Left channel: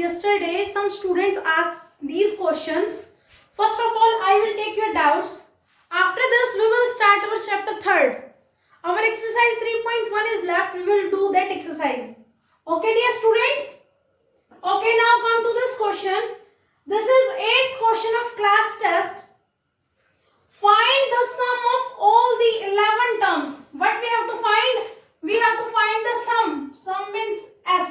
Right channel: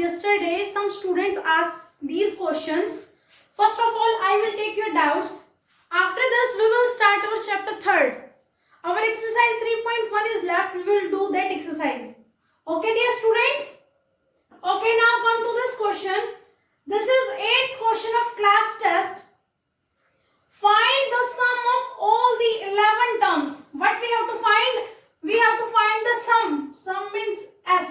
yesterday some students asked these questions. First of all, I will take your doubts. After this, we will start our chapter 3rd. Our exercise 3.1 is left. We will do that exercise. Okay, dear students? Okay, now come to this question. This is 8th question of class test. Find the sum of all the 11 terms. What we have to find? We have to find the sum. Sum means S.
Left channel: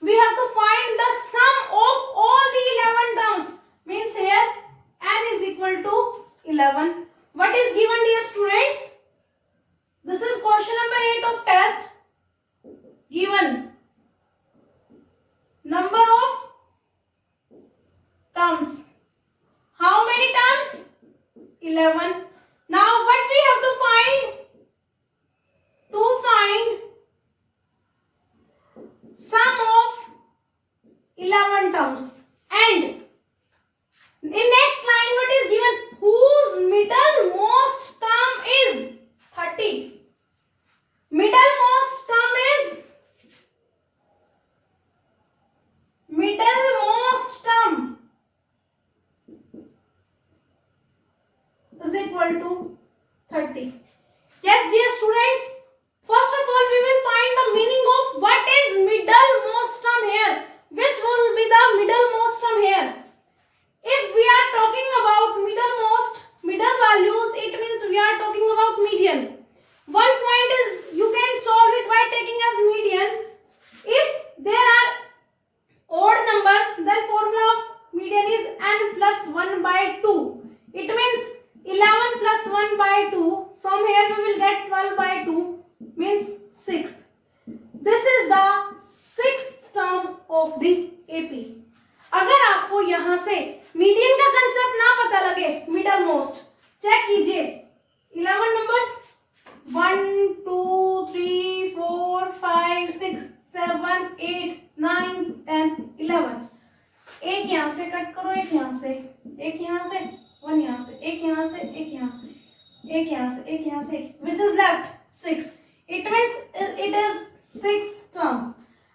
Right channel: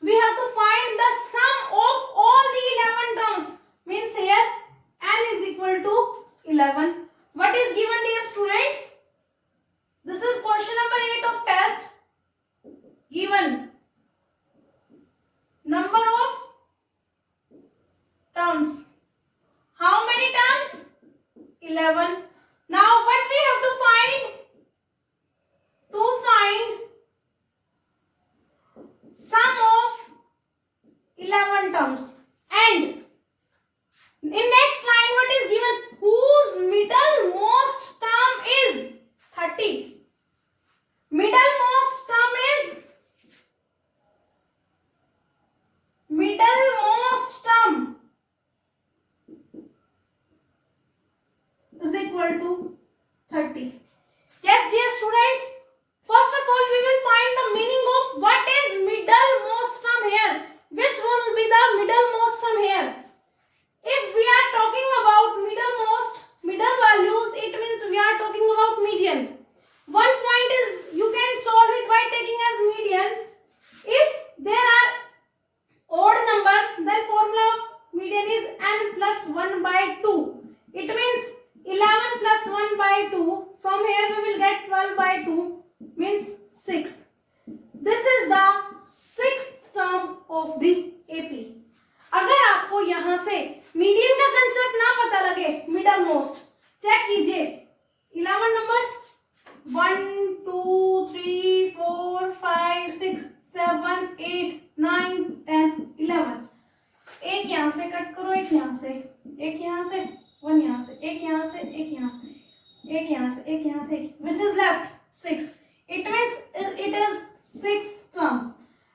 We have to find the sum of all the 11 terms. Means here n is equal to 11. What is given, dear students? This is question number 8 of test. Given number of terms. How many terms? 11. Now what we have to find? To find sum of 11 terms. And in next line what is given? Whose middlemost term is 30. Middlemost term is equal to 30. Yes, dear students. First of all, we will find the meaning of what is middlemost term here. Which one will be the middlemost term here? If we are talking about middle values, it means we are talking about median. One point is you can solve it by taking as median. If there are odd numbers, then formula of median is n plus 1 by 2. It means 11 plus 1 by 2. From here we will get 12 by 2 means 6. This is the 6th term of the AP. अगर आपको यहाँ से median का concept ना पता लगे, middle most check कीजिए 11 numbers 1 2 3 4 5 6 7 8 9 10 11. एक यहाँ से कट करो, एक यहाँ से, एक यहाँ से, 1 यहाँ से, एक यहाँ से, एक यहाँ, एक यहाँ से, एक यहाँ से, which is left 6. It means it is 6th term.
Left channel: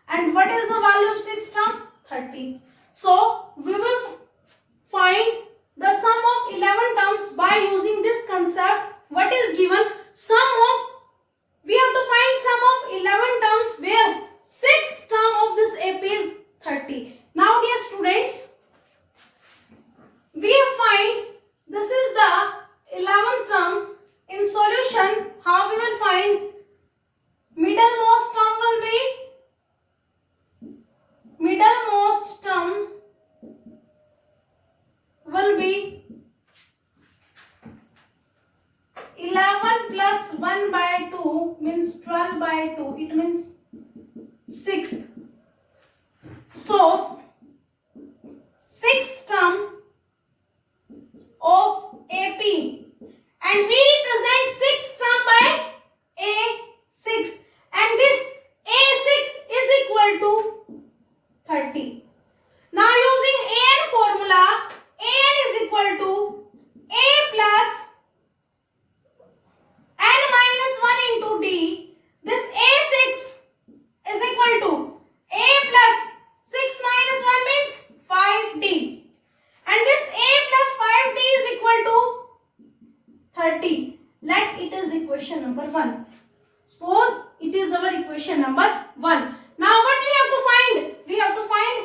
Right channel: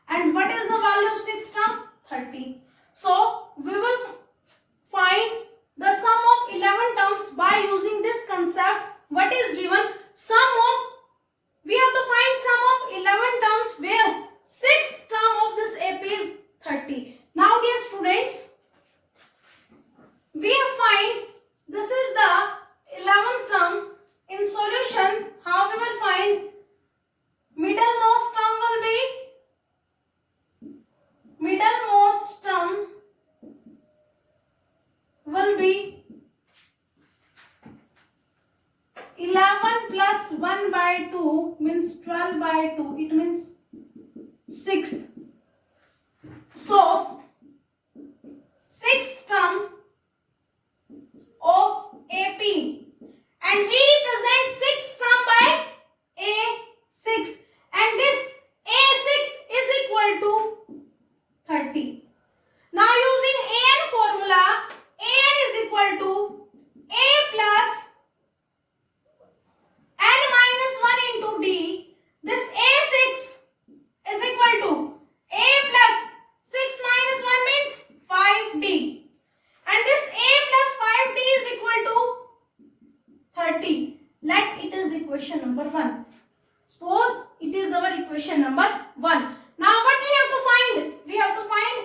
And what is the value of 6th term? 30. So we will find the sum of 11 terms by using this concept. What is given? We have to find sum of 11 terms where 6th term of this AP is 30. Now dear students, we have find this is the 11th term. In solution, how we will find? Middlemost term will be 11 plus 1 by 2 means 12 by 2. It means 6. So 6th term of AP, and we represent 6th term by A6, and this A6 is equal to 30. Now using AN formula, AN is equal to A plus n minus 1 into D. This A6 is equal to A plus 6 minus 1 means 5D. And this A plus 5D is equal to 30. Let it is equation number 1. Suppose it is our equation number 1. Now what we have to find? We have to find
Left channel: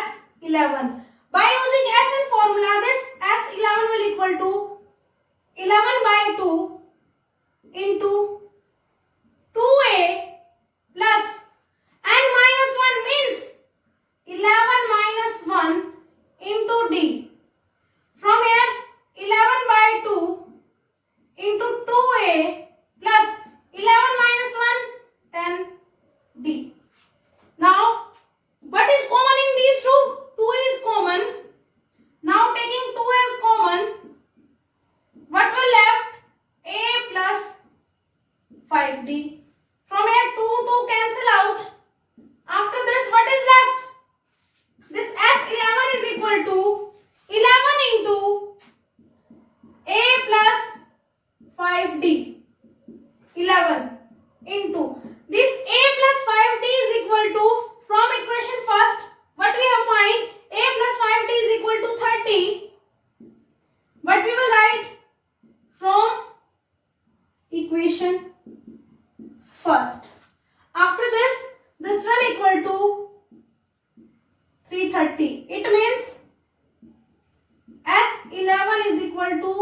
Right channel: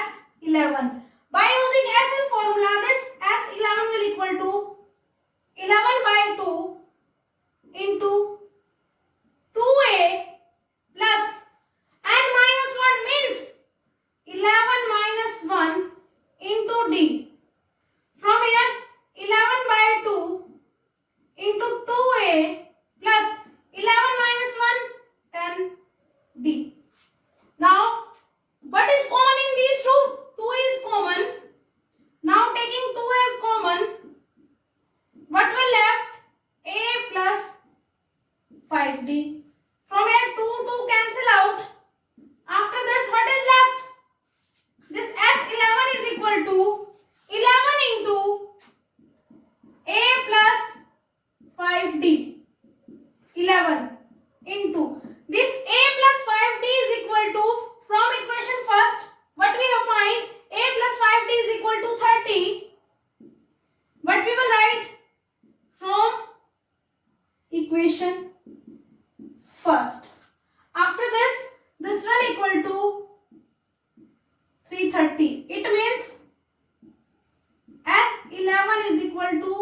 S11. By using SN formula, this S11 will equal to 11 by 2 into 2A plus n minus 1 means 11 minus 1 into D. From here 11 by 2 into 2A plus 11 minus 1 10D. Now what is common in these two? 2 is common. Now taking 2 as common, what will left? A plus 5D. From here 2 cancel out. After this what is left? This S11 is equal to 11 into A plus 5D. 11 into this A plus 5D is equal to, from equation first, what we have find? first. After this will equal to 330. It means S11 is equal to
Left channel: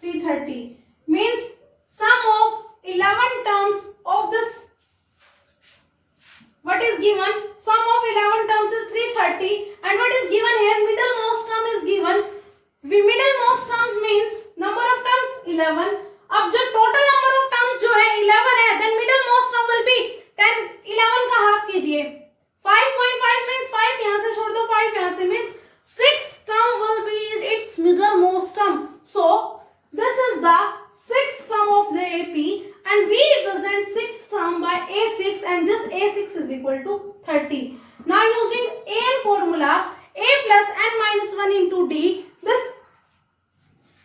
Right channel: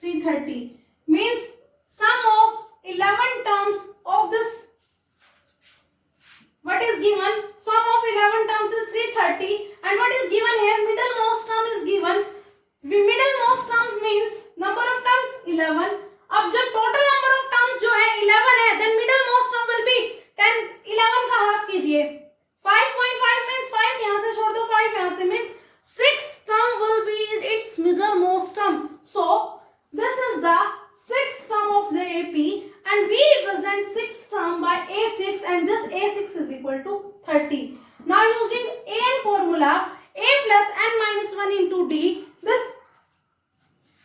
330. Means sum of 11 terms of this. What is given? Sum of 11 terms is 330. And what is given here? Middlemost term is given. The middlemost term means number of terms 11. अब जब total number of terms जो है 11 है, then middlemost term will be 10. 11 का half कीजिए. 5.5 means 5 यहाँ से छोड़ दो, 5 यहाँ से means 6th term will be its middlemost term. So this is the 6th term of the AP, and we represent 6th term by A6, and this A6 is equal to 30. Now using AN formula, A plus n minus 1 into D, this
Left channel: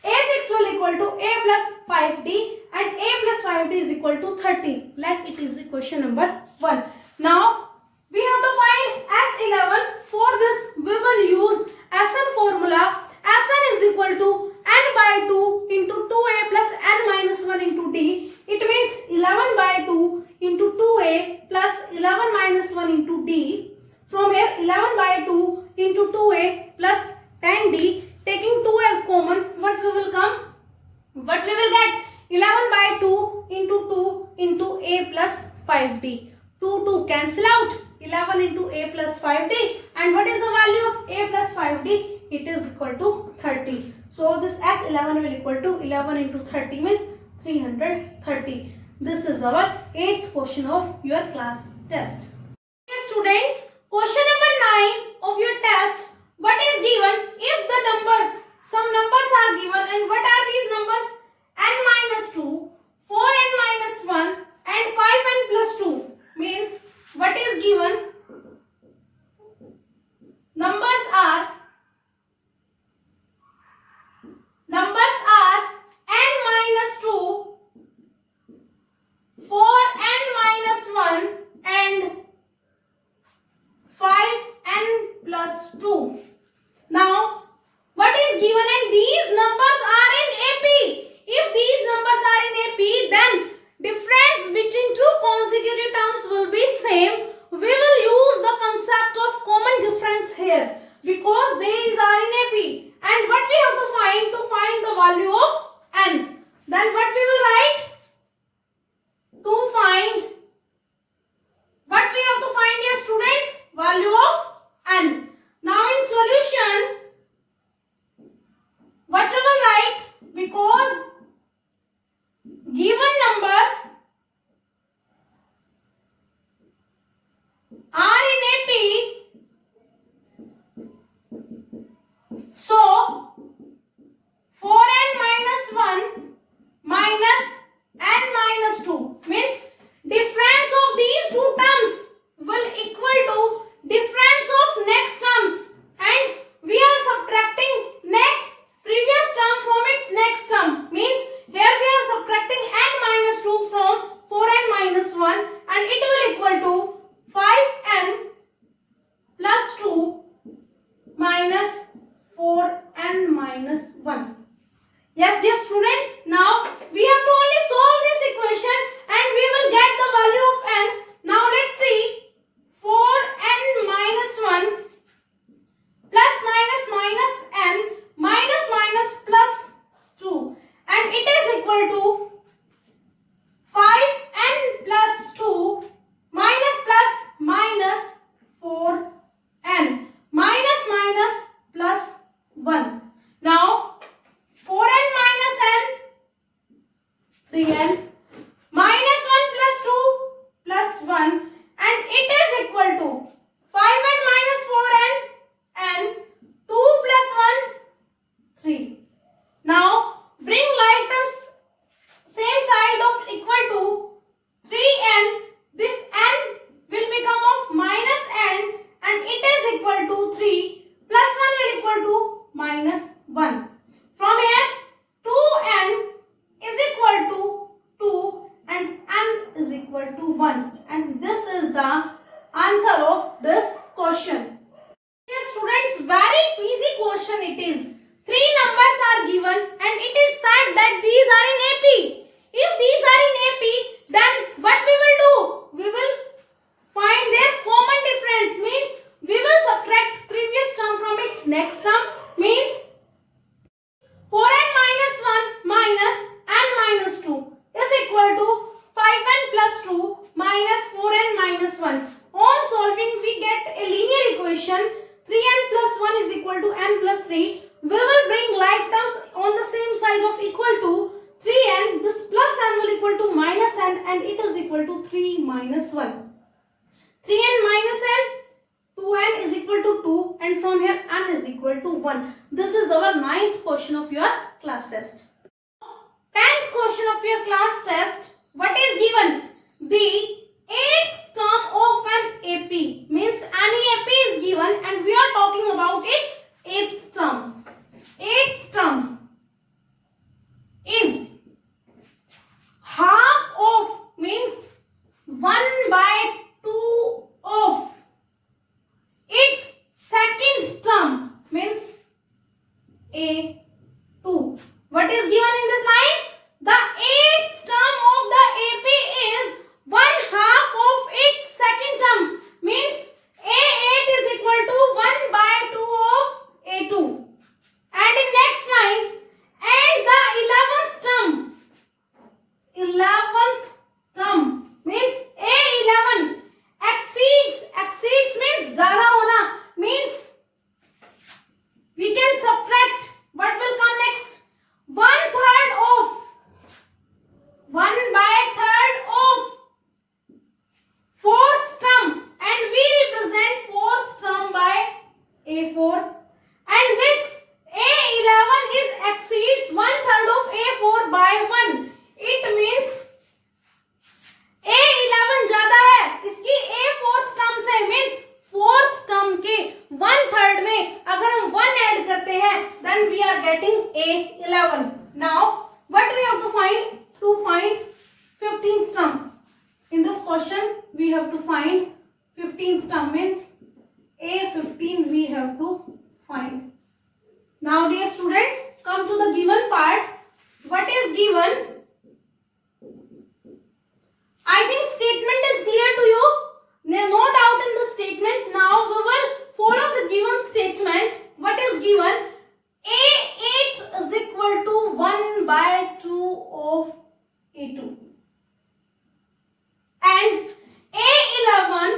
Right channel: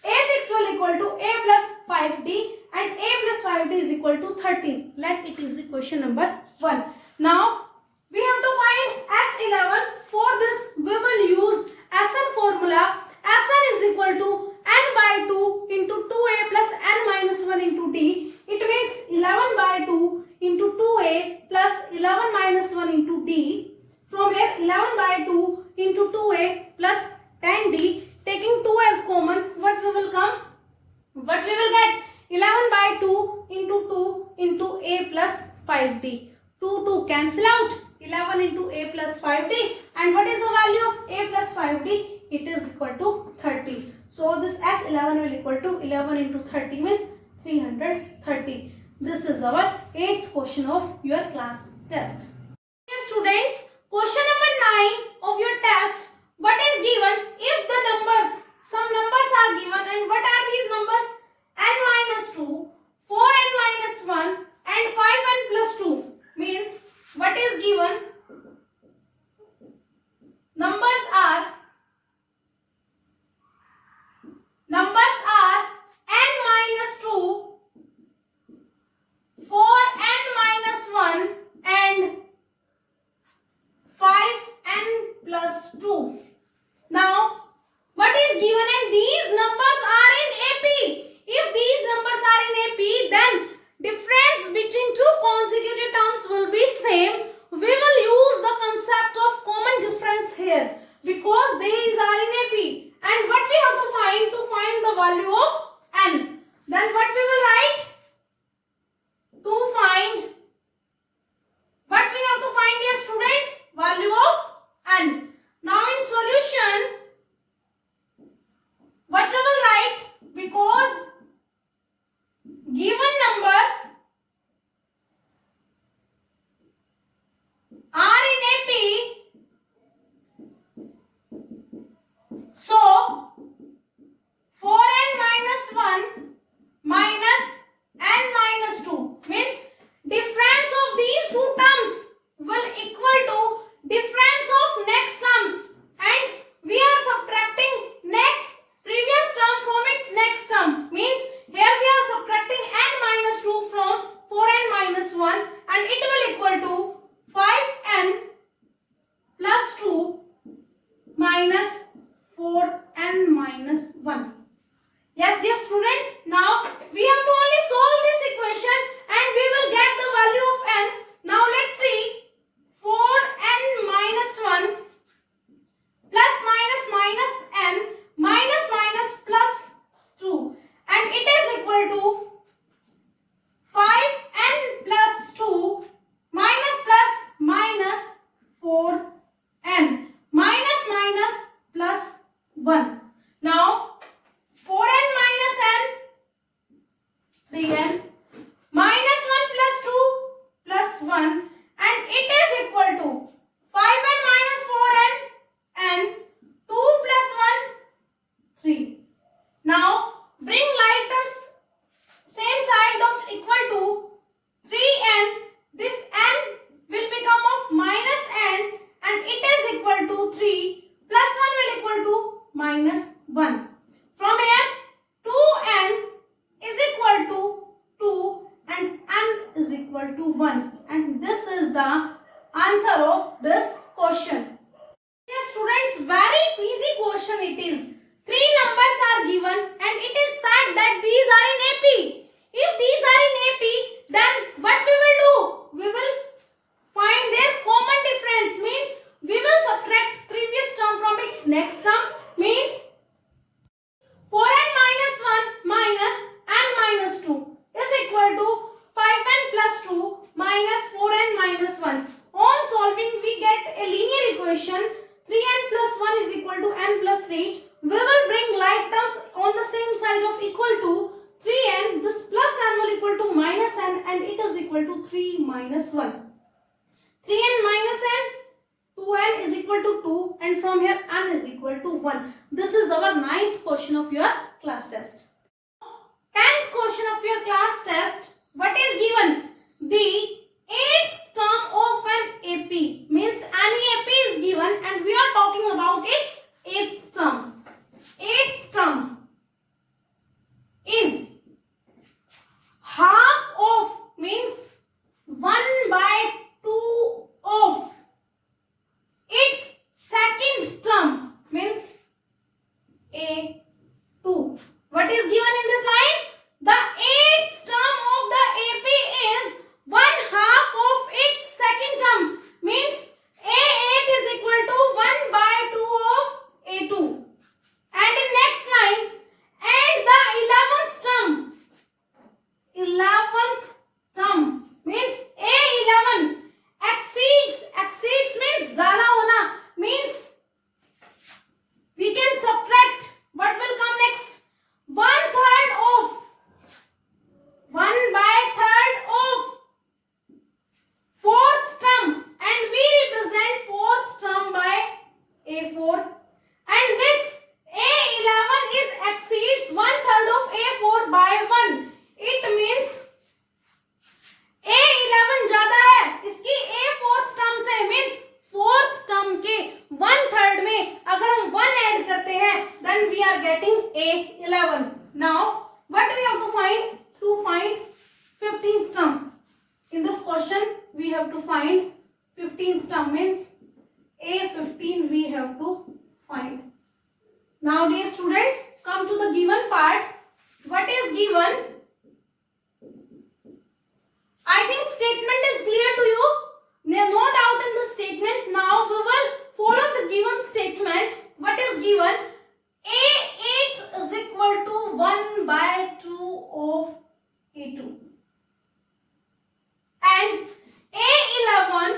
A6 will equal to A plus 5D, and A plus 5D is equal to 30. Let it is equation number 1. Now we have to find S11. For this we will use Sn formula. Sn is equal to n by 2 into 2a plus n minus 1 into d. It means 11 by 2 into 2a plus 11 minus 1 into d. From here 11 by 2 into 2a plus 10d. Taking 2 as common, what we will come? What we will get? 11 by 2 into a plus 5d. 2 cancel out. 11 into a plus 5d. And what is the value of a plus 5d? It is equal to 30. So this S11 will equal to 11 into 30 means 330. This is our 8th question of your class test. Dear students, question number 9 of your test. What is given? If the numbers, some numbers are given, and what are these numbers? N minus 2, 4n minus 1 and 5n plus 2. Means what is given? Numbers are n minus 2, 4n minus 1 and 5n plus 2. Now what is given, and these numbers are in AP. If these numbers are in AP, then difference between two consecutive terms will be same. We will use the concept of common difference here because these are in AP. And what we have to find the value of n. Then what we will write? To find, what we have to find here, students? Value of n. Now in solution, what we will write? Because given numbers are in AP, so 4n minus 1 minus n minus 2 means difference of these two terms will equal to difference of next terms, and we are subtracting next previous term from its next term. Means here we are subtracting n minus 2 from 4n minus 1, and it will equal to 5n plus 2 minus 4n minus 1. Yes, dear students, now we have to only solve this equation and we will get the value of n. Now let's see. 4n minus 1 plus minus minus n minus minus plus 2, and it is equal to 5n plus 2 minus plus minus 4n minus minus plus 1. Now 4n minus n, 3n minus 1 plus 2 plus 1, and it is equal to 5n minus 4n and 2 plus 1, 3. Now bring like terms same side of equal to 3n. This n will become of minus n, and it is equal to 3 plus 1 will equal to minus 1. From here 2n is equal to 2 and n is equal to 1, and this is the answer of this question. Dear students, very easy question it is. 3 numbers are given and it is said that these are in AP. If these are in AP, then what we will do? plus 2 minus 4n minus 1. On solving, we get a linear equation 3n plus 1 is equal to n plus 3. We will bring like terms on the same side of equal to 3n. This plus n will equal to minus n and it is equal to 3 minus 1. 3n minus n, 2n is equal to 2 and from here n is equal to 1. This is our 9th question of your class test. 10th question of your class test. What is given? The 8th term of an AP. Means any AP is given and we are talking about its 8th term. 8th term is half of, means 1 by 2 of its second term, means A2. What is given in this line? The 8th term of the AP is 1 half of its second term, means A8 is equal to 1 by 2 of A2. And in next line, and the 11th term. 11th term means A11 exceeds means ज़्यादा होना, means we can subtract. What will come next? 1/3 of 1/3 of 4th term, and we represent 4th term by A4. And this A11 is exceeds 1/3 of A4 by 1. It means A11 ज्यादा है इसकी A4th term से, means 4th term के 1/3 में अगर हम 1 add करते हैं then we are getting A11. Now what we have to find? To find 15th term. In this question we have to find 15th term, means A15 we have to find. Now dear students, come to the given part. What is given? I think statement is clear to you. No doubt in the statement. Now we will follow the given statement. What is given? A8 is equal to 1 by 2 of A2. And A11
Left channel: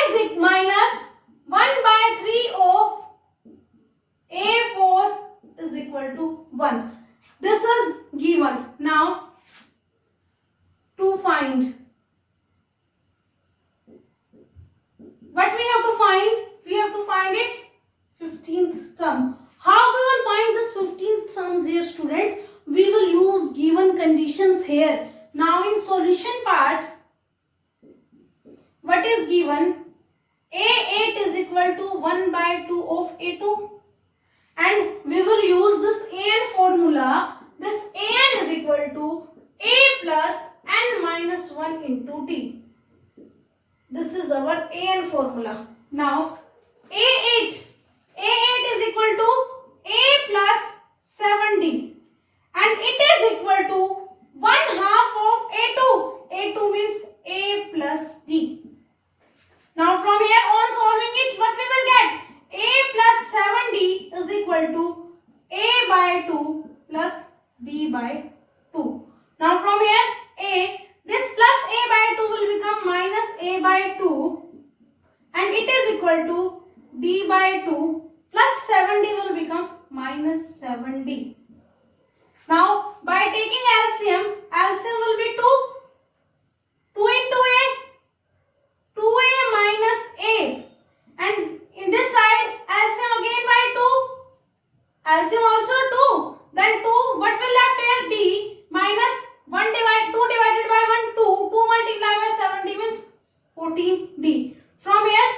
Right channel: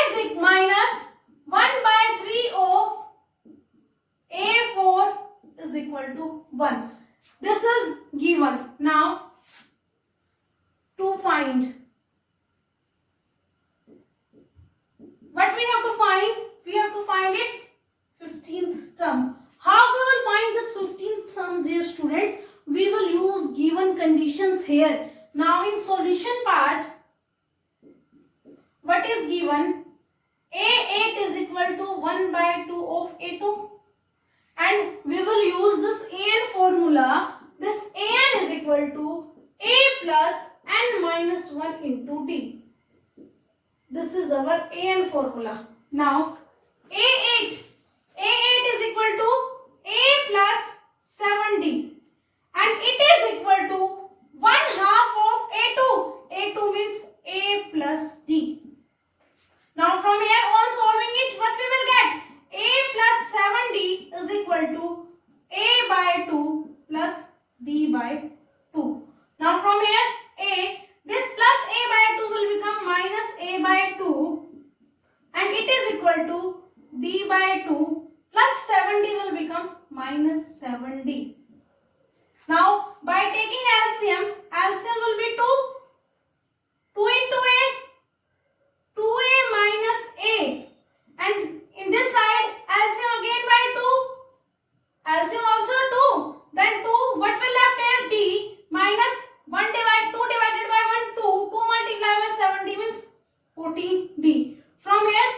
is minus 1 by 3 of A4 is equal to 1. This is given. Now to find, what we have to find? We have to find its 15th term. How we will find this 15th term, dear students? We will use given conditions here. Now in solution part, what is given? A8 is equal to 1 by 2 of A2. And we will use this AN formula. This AN is equal to A plus n minus 1 into D. This is our AN formula. Now A8 is equal to A plus 7D. And it is equal to 1 half of A2. A2 means A plus D. Now from here on solving it, what we will get? A plus 7D is equal to A by 2 plus D by 2. Now from here this plus A by 2 will become minus A by 2 and it is equal to D by 2 plus 7D will become minus 7D. Now by taking LCM will be 2. 2 into A, 2A minus A, and in this side LCM again by 2. LCM also 2. Then 2, what will left here? D minus 2 divided by 1, 2. 2 multiplied by 7D means 14D. From here,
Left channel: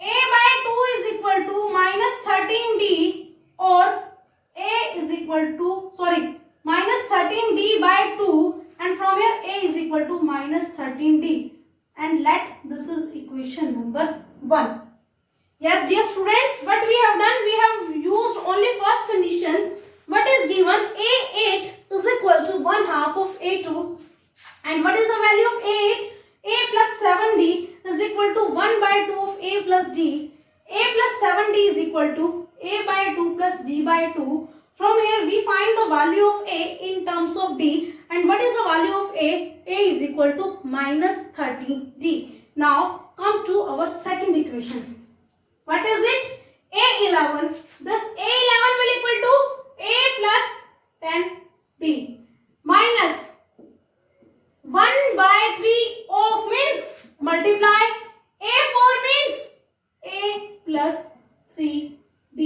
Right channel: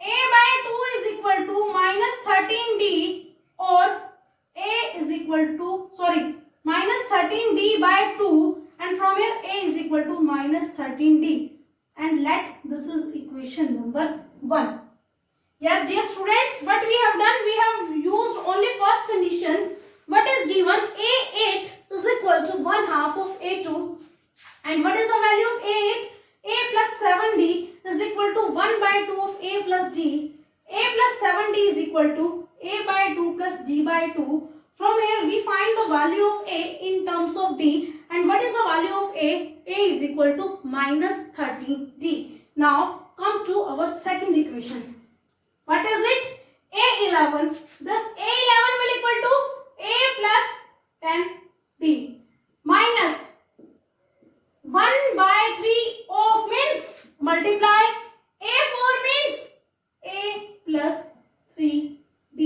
A by 2 is equal to minus 13D or A is equal to, minus 13D by 2 and from here A is equal to minus 13D. And let this is equation number 1. Yes, dear students, what we have done, we have used only first condition. What is given? A8 is equal to 1 half of A2. And what is the value of A8? A plus 7D is equal to 1 by 2 of A plus D. A plus 7D is equal to A by 2 plus D by 2. From here we find the value of A in terms of D. And what is the value of A? A is equal to minus 13D. Now come to our second equation. What is it? A11. This A11 will equal to A plus 10D minus 1 by 3 of means multiply A4 means A plus 3D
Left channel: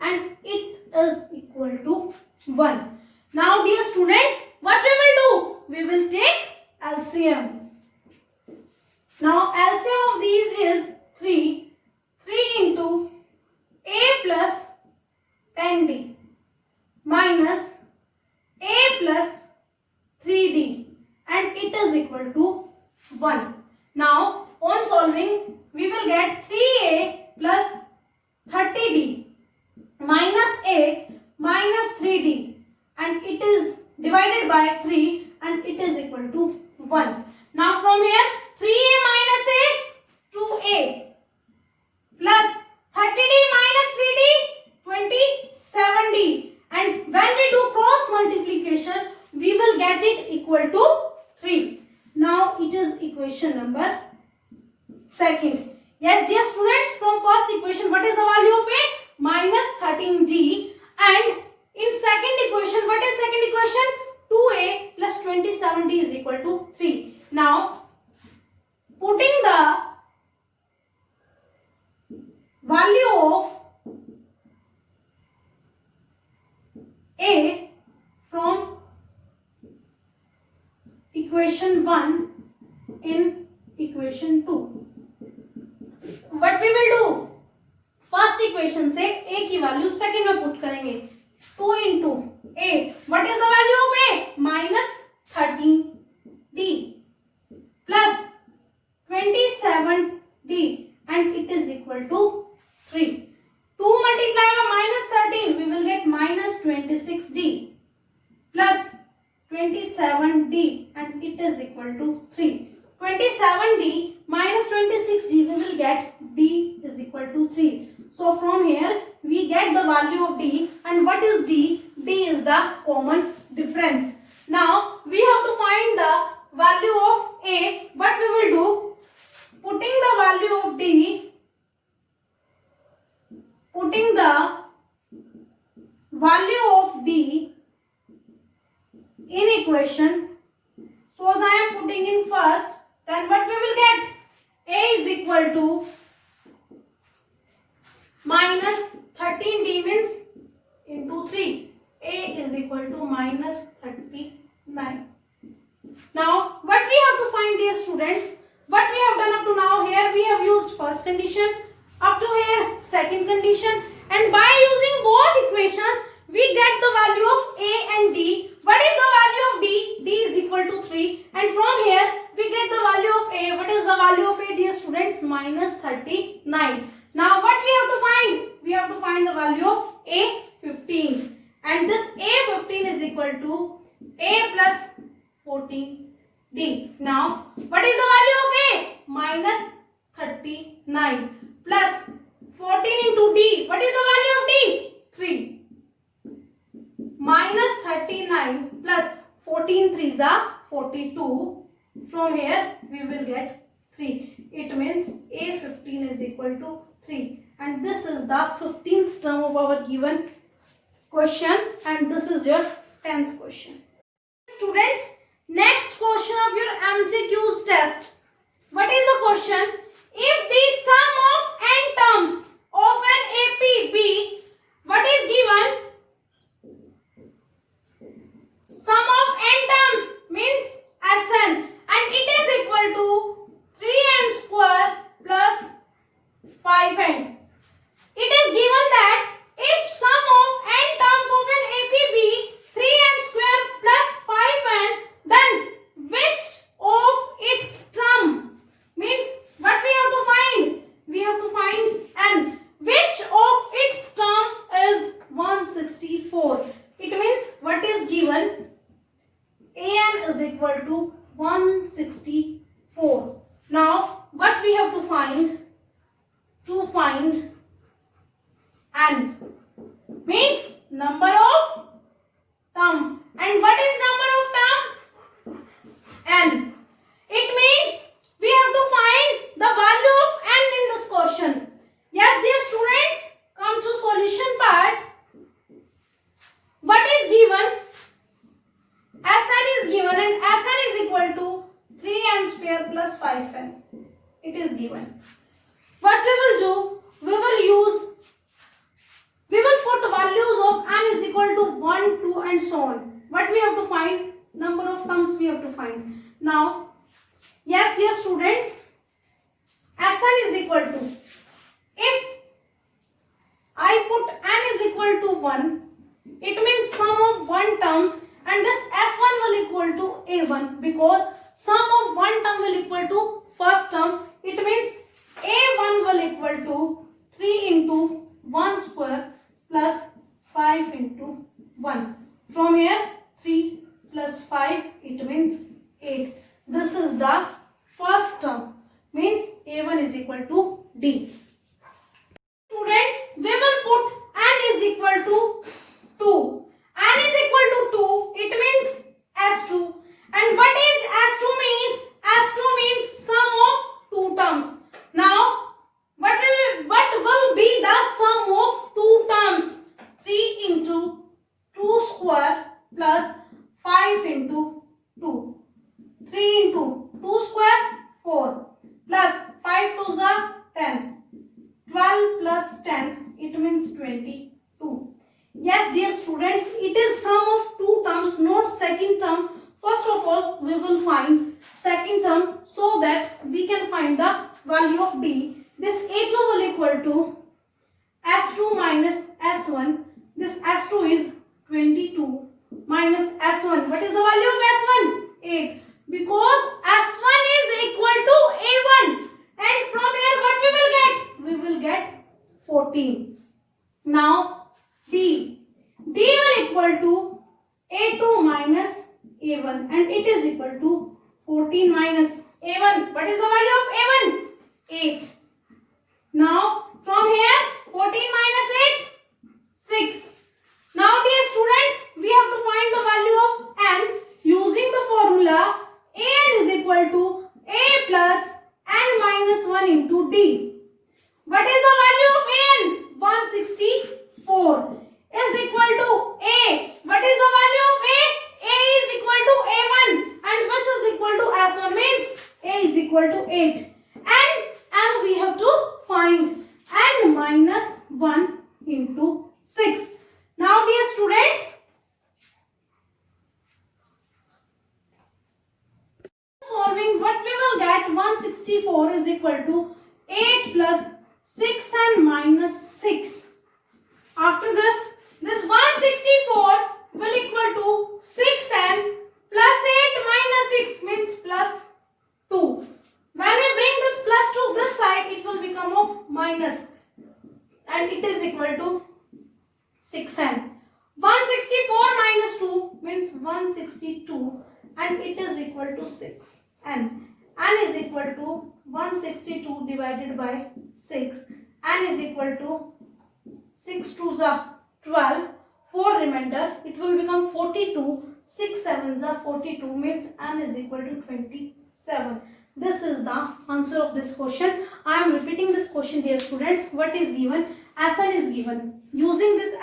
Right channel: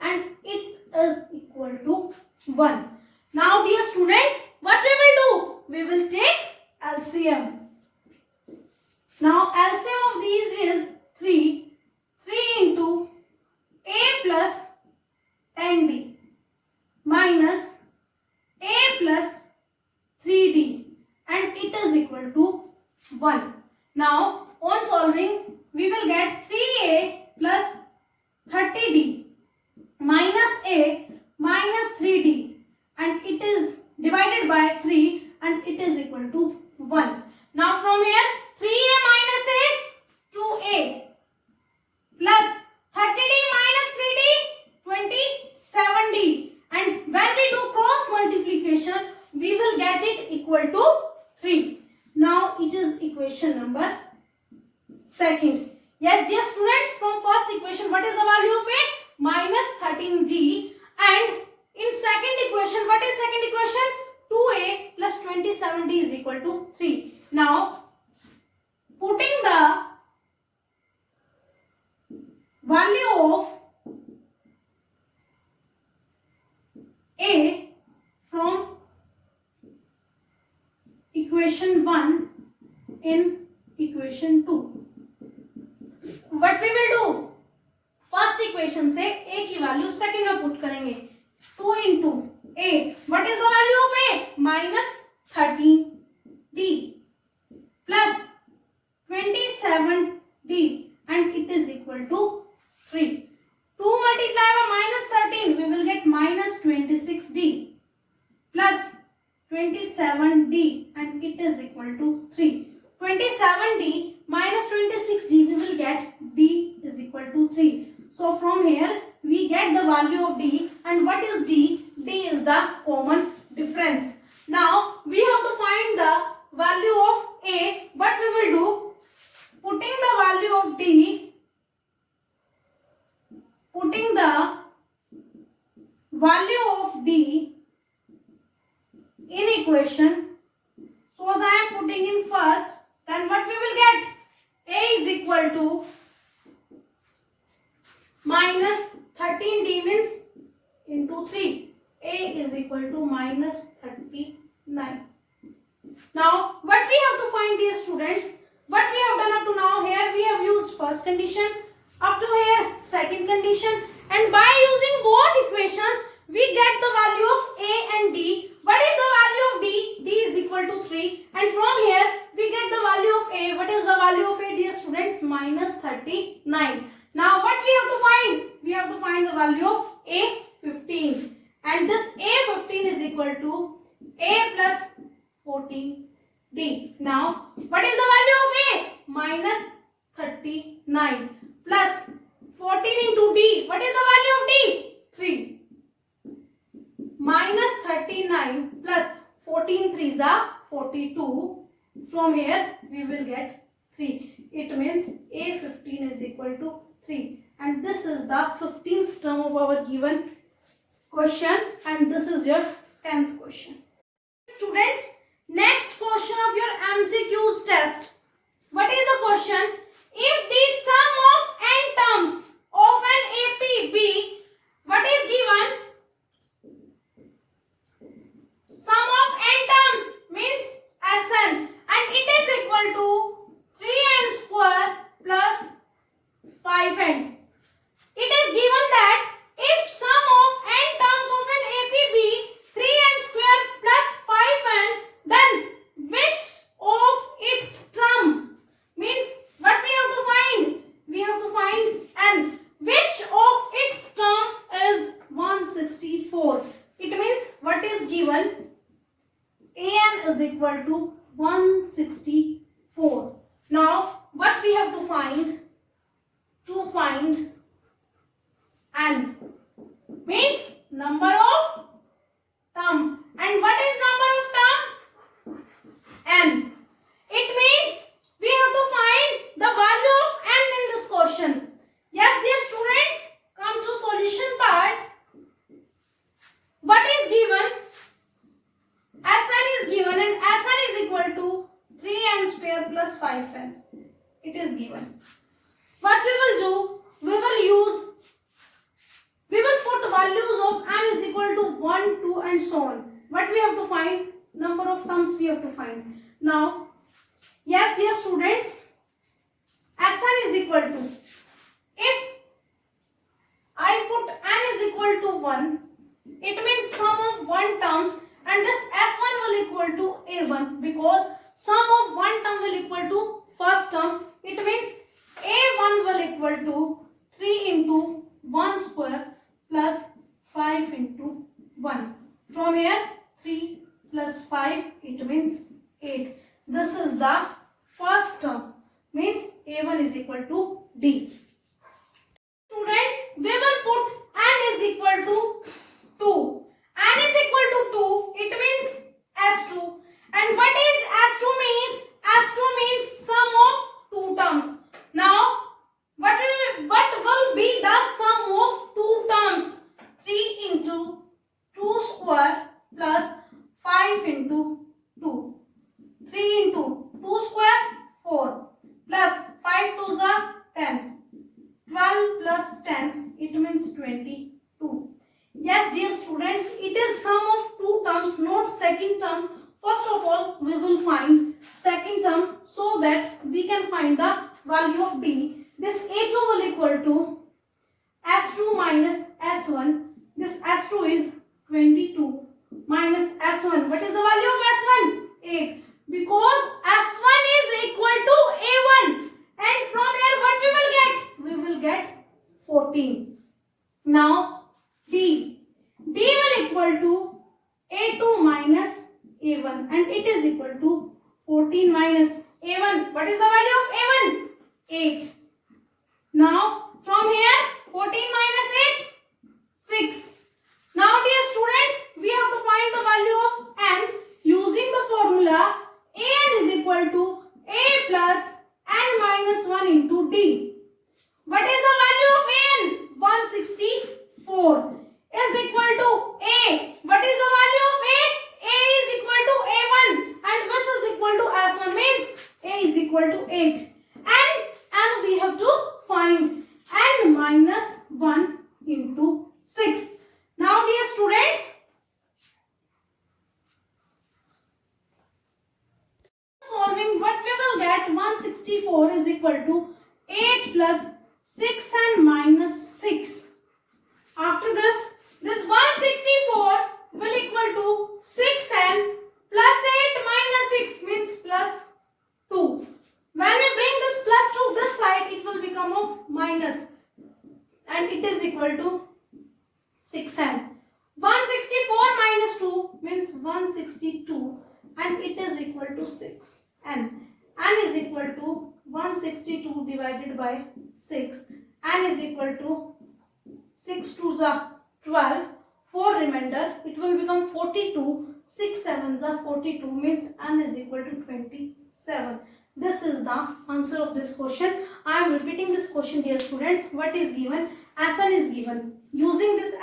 and it is equal to 1. Now dear students, what we will do? We will take LCM. Now LCM of these is 3. 3 into A plus 10D minus A plus 3D and it is equal to 1. Now on solving we will get 3A plus 30D minus A minus 3D and it is divided by 3 and it is equal to 1. Now from here 3A minus A 2A plus 30D minus 3D 27D and when we do cross multiplication we will get it equal to 3. Now it is equation number second. Yes dear students, from first equation what is the value of A? Minus 13G and in second equation what is second equation? 2A plus 27D is equal to 3. Now putting the value of A from equation 1 in equation 2. What we will do? First equation से A की value second में put करेंगे. 2 into A. What is the value of A? Minus 13D plus 27D and it is equal to 3. 2 multiplied by minus 13 we will get minus 26D plus 27D and it is equal to 3. 27D minus 26D we will get D is equal to 3. So from here we get the value of D and what is D? D is the common difference. Now we have to find the value of A. What we will do? Putting the value of D, putting the value of D in equation. Suppose I am putting in first, then what we will get? A is equal to minus 13D means into 3. A is equal to minus 39. Now what we have to find, dear students? What we have done up to now, here we have used first condition, up to here second condition, and by using both equations we get the value of A and D. What is the value of D? D is equal to 3 and from here we get the value of A. What is the value of A, dear students? Minus 39. Now what we have to find? We have to find the value of A15 and this A15 is equal to A plus 14D. Now what is the value of A? Minus 39 plus 14 into D. What is the value of D? 3. Minus 39 plus 14 3s are 42. From here we will get 3. It means A15 is equal to 3. And this is the 15th term of our given question and this is your 10th question. Students, next question of your MCQs test. What is the question? If the sum of n terms of an AP be, what is given? Sum of n terms means Sn and it is equal to 3n square plus 5n. It is given that if sum of n terms of an AP be 3n square plus 5n, then which of its term means what we have to find? We have to find n. Which of its term is 164? It means what is given? An is equal to 164. Now what we have to find? To find n means number of term. And what is number of term? N. It means we have to find the value of n in this question. Yes, dear students, come to solution part. What is given? Sn is given and Sn is equal to 3n square plus 5n. It is given. What we will do? We will put values of n is equal to 1, 2 and so on. What we have to find? Number of terms we have to find. Now, yes dear students, Sn is equal to, if I put n is equal to 1, it means sum of 1 terms and this S1 will equal to A1 because sum of 1 term will equal to first term. It means A1 will equal to 3 into 1 square plus 5 into 1. From here 3 plus 5 it means 8. This is the first term, means A1 is equal to D. Students, we will put n is equal to 2. N is equal to 2, it means S2. And what is S2 means? S2 means sum of 2 terms. Now, what will be the sum of 2 terms? 3 into 2 square plus 5 into 2. 3 into 2 square 4 plus 5 to the 10. 12 plus 10 it means 22. Yes dear students, it is sum of 2 terms, not second term. First of all we will find second term so that we can find the value of D. This A2 will equal to S2 minus S1. This S2 is 22 minus S1. What is the value of S1? 8. Because S1 is equal to A1. And from here what we will get? We will get 14. Now D. D will equal to A2 minus A1 and it is equal to 14 minus A1. What is the value of A1? 8. Now from here 14 minus 8? 6. Now dear students, we have to find the value of n using the formula an is equal to a plus n minus 1 into d. What is the value of an? 164 is equal to a. What is the value of a? A is equal to a1 and which is equal to s1 means a is equal to 8. And we have to find n minus 1 into 6. Now dear students, solving what we will get, 164 is equal to 8 plus 6n minus 6. After this 164 will equal to 6n plus 8 minus 6 means plus 2. When we bring this plus to this side, it will become of minus and it is equal to 6n. 164 minus 2 means 162 and it is equal to 6n. N is equal to 162 divided by 6. N is equal to 6 to the 12. 4 remainder. It will become 42. 6 sevens are 42 means N is equal to 27. This is the answer of this question. I am repeating this question dear students. What is given? Sn is given. Using this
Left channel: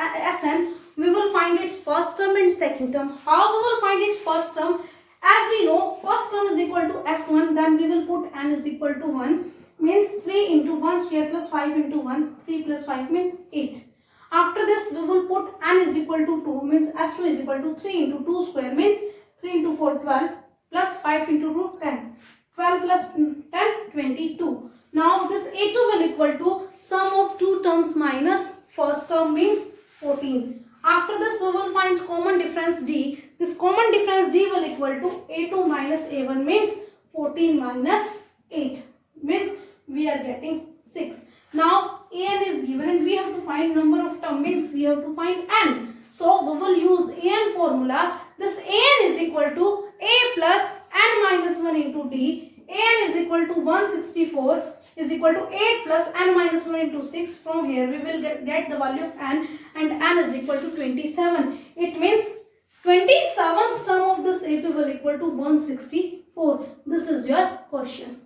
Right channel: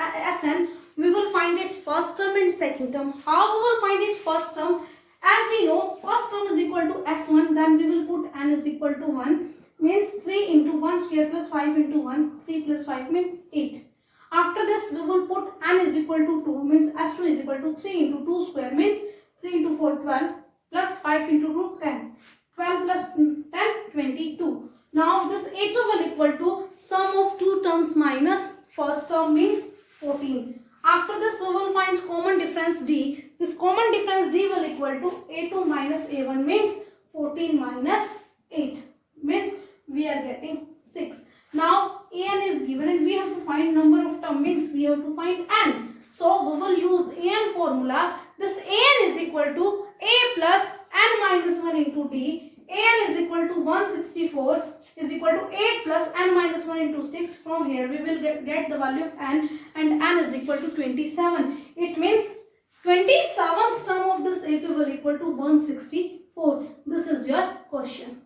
Sn, we will find its first term and second term. How we will find its first term? As we know, first term is equal to S1, then we will put n is equal to 1, means 3 into 1 square plus 5 into 1, 3 plus 5 means 8. After this, we will put n is equal to 2, means S2 is equal to 3 into 2 square, means 3 into 4, 12, plus 5 into 2, 10. 12 plus 10, 22. Now, this A2 will equal to sum of 2 terms minus first term means 14. After this, we will find common difference D. This common difference D will equal to A2 minus A1 means 14 minus 8 means we are getting 6. Now An is given and we have to find number of term means we have to find n. So we will use An formula. This An is equal to A plus n minus 1 into D. An is equal to 164 is equal to 8 plus n minus 1 into 6. From here we will get the value of n and n is equal to 27. It means 27th term of this AP will equal to 164. This is your question.